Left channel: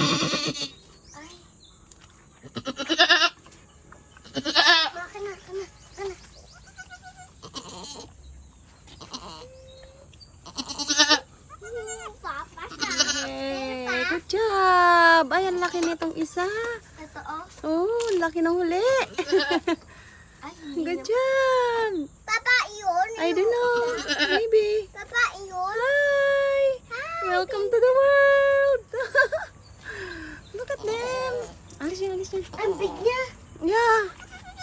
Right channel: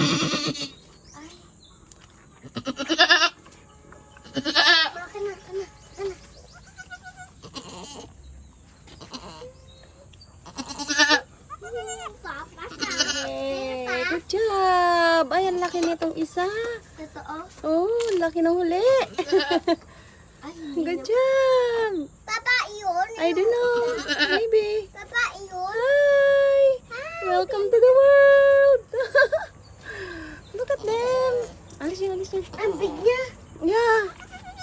Yay! Good job! Ay, ang laki nitong isa. Totoo? Oh, laki ng huli. Good job! Papa, yun. I don't know. Maybe. Papa, yun. Hi! Welcome to the world! Look at them! Alisin, alisin. Ang big niya. Yeah.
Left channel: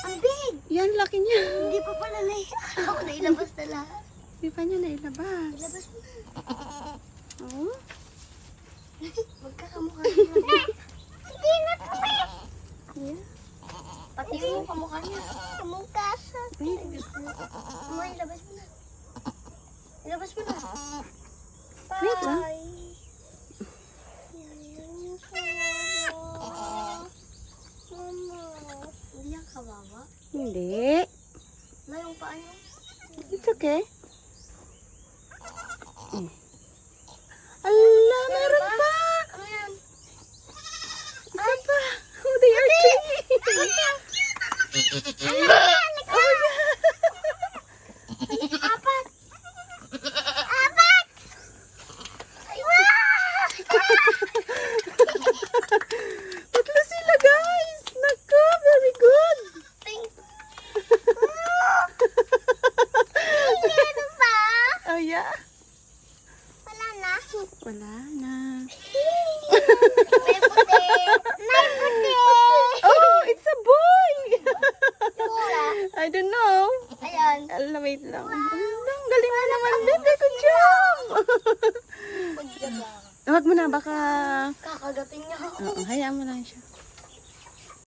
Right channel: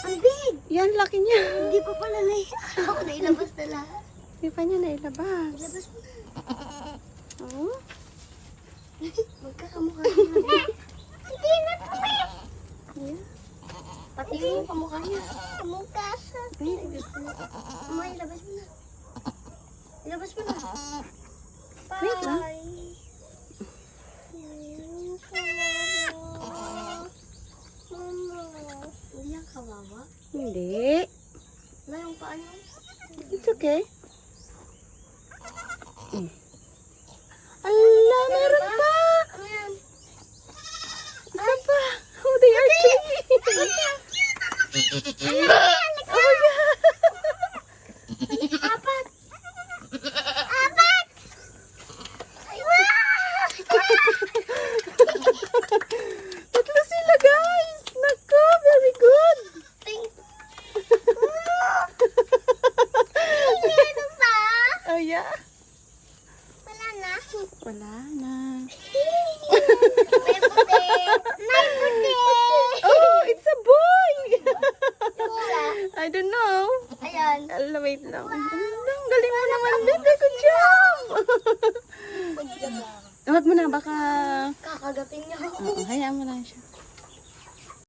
Ang big. Yan, laki niya. Hindi pa pala na ako nailabas na lahat. Hindi pa niya nailabas. Ilabas mo na. Oh? Magkakamukha niya. Hindi na po. Yeah. Pati yung kamukha niya. Kamukha sa. May ilabas mo na. Ilabas mo na. Wait lang. Bye. Mama. Hindi yan kawawa. Hindi. Na yung paa niya. It's okay. Allah, meron pa! Ano yan? Isa pa! Oh, they are cute! Apat! Apat! Tatlo sila, guys! Naku, very good! Meron pa? Oh, yeah? Wala na. Wala na. May puti. May puti. Oh, it's a boy! Isa. I don't know. Ayan. Allah, wait lang. Ang galing mo naman, baby. Good job! Huwag mo na, baka... Kakagatin niya ako. Oo, hayaan mo lang siya.